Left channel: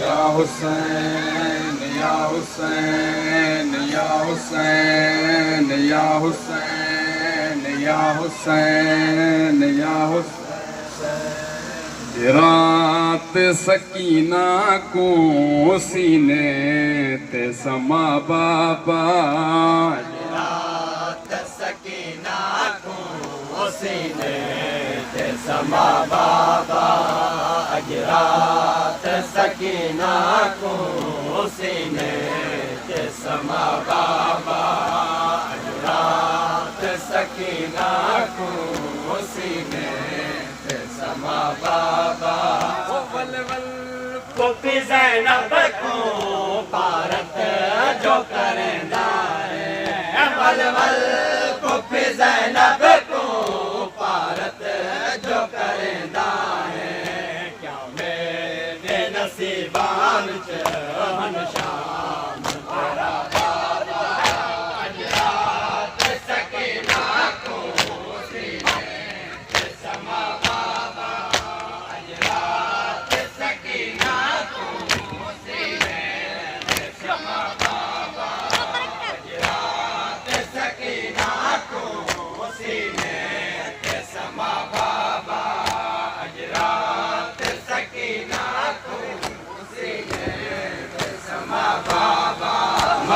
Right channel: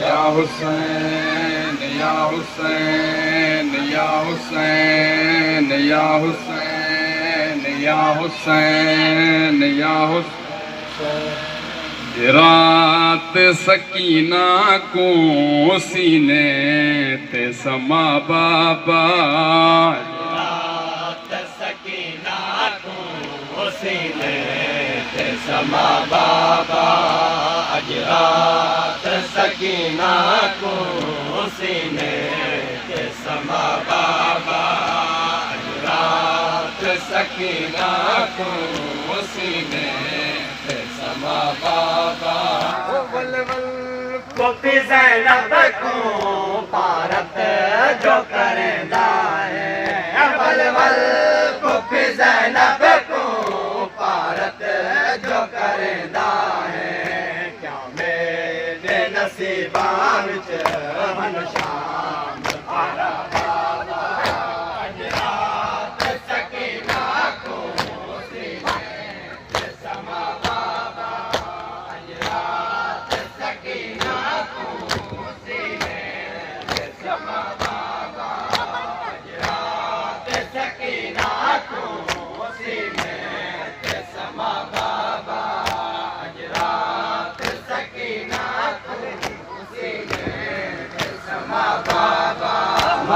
या हुसैन या हुसैन या हुसैन या हुसैन या हुसैन या हुसैन। रात सकीना को सीने ते समा बाबा, रात सकीना को सीने ते समा बाबा, आज रात सकीना को सीने ते समा बाबा, आज रात सकीना को सीने ते समा बाबा। वल वल को ज़ैनब को भारत जो करदा है, वल वल को ज़ैनब को भारत जो करदा है, क्या मेरे नसीबां विच हन शाम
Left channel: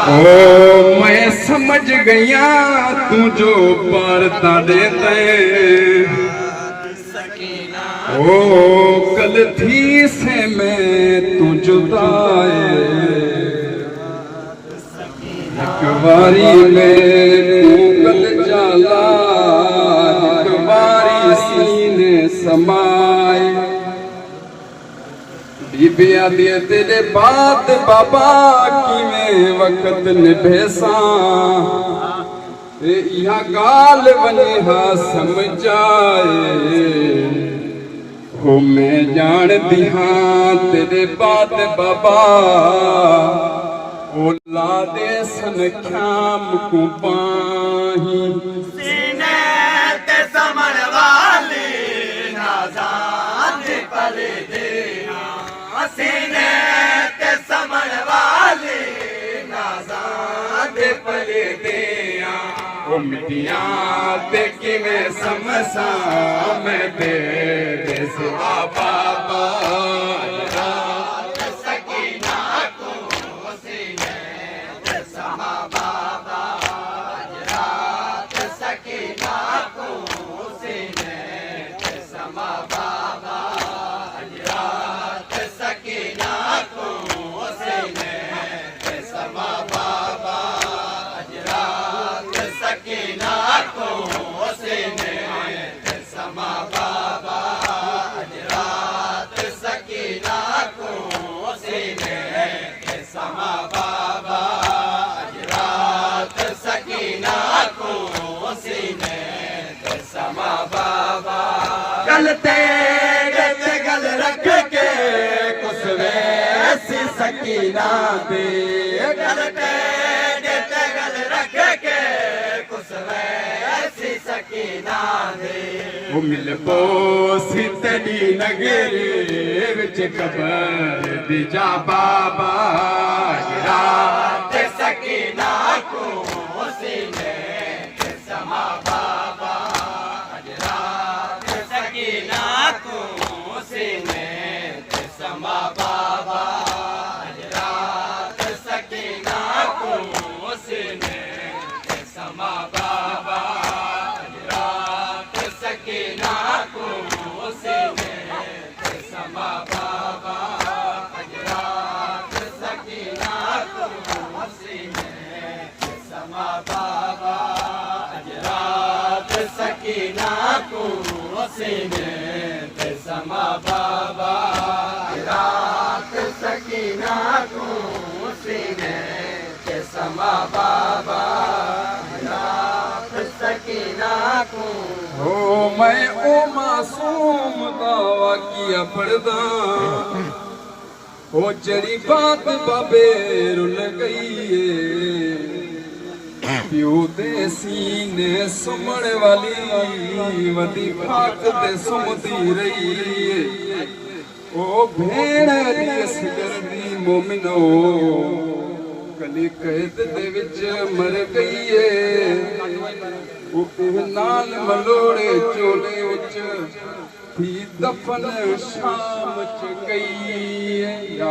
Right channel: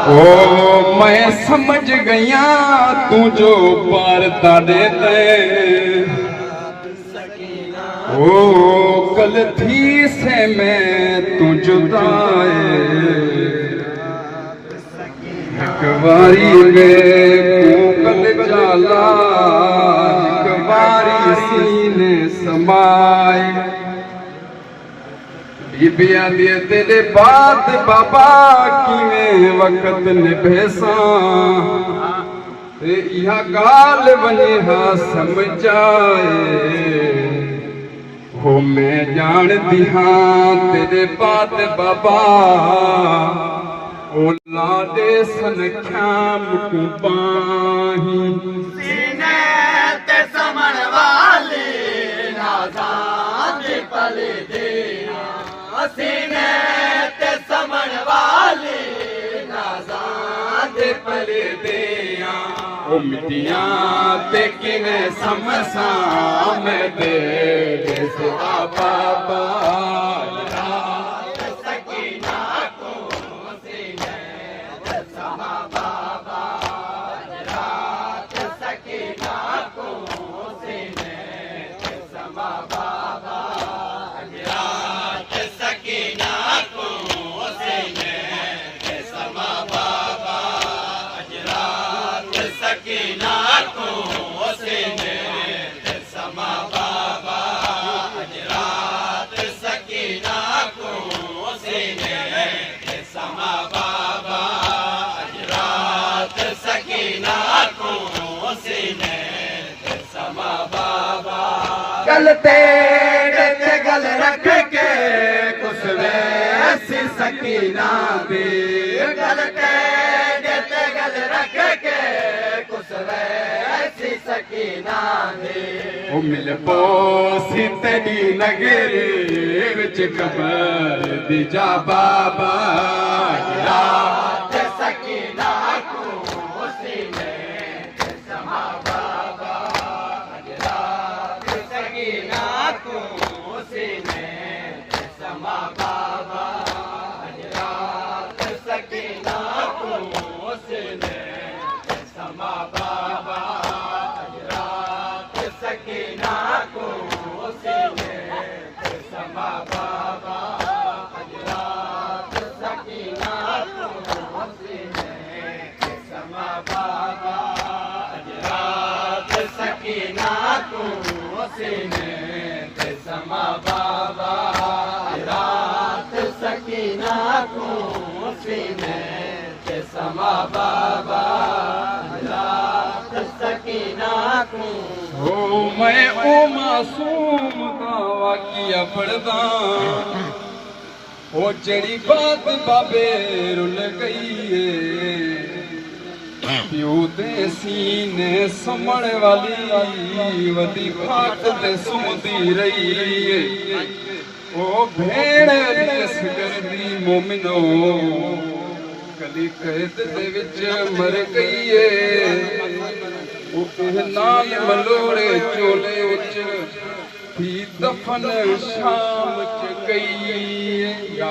ओ मैं समझ गया तू जो पारता देते, ओ कल थी से मैं तू जुदाए, एक बारी में तू कल जाला, एक बारी सीने समाए। बीबिया दिए तेरे बाद बाबा की में वक्त निभेसा, यह गाल बनी हा समझाए, हो मैं जान दिहा तेरे बाद बाबा, औलादे सनख्याम को पाही, सीने ते समण वाली नाज़ान पल दे, सीने ते समण वाली नाज़ान पल दे। ओ मिटिया ते किवें समसा मैं दे से बाबा, सकीना को सीने ते समा बाबा, रात सकीना को सीने ते समा बाबा, रात सकीना को सीने ते समा बाबा, रात सकीना को सीने ते समा बाबा, रात सकीना को सीने ते समा बाबा, रात सकीना को सीने ते समा बाबा। गल तेरे गल रख के कुछ वैसी सकीना भी, गल तेरे गल रख के कुछ वैसी सकीना भी। ओ मिल पोसी तेरी नगरी विच कबर दी जा बाबा, रात सकीना को सीने ते समा बाबा, रात सकीना को सीने ते समा बाबा, रात सकीना को सीने ते समा बाबा, रात सकीना को सीने ते समा बाबा, रात सकीना को सीने ते समा बाबा, रात सकीना को सीने ते समा बाबा, रात सकीना को सीने ते समा बाबा, रात सकीना को। ओ मैं ओ मासूम का वाकिया पढ़दा, ओ जड़ी बात बाबे रुल गई प्यो दे सीने समण वाली वदी खाक ते सुमदी रही, ओ भेड़ दिस करदी मोमिनो कली कैद दे विच मर गई है वो नाल मलोड़े चोले विच थी दफन शाम च गई है।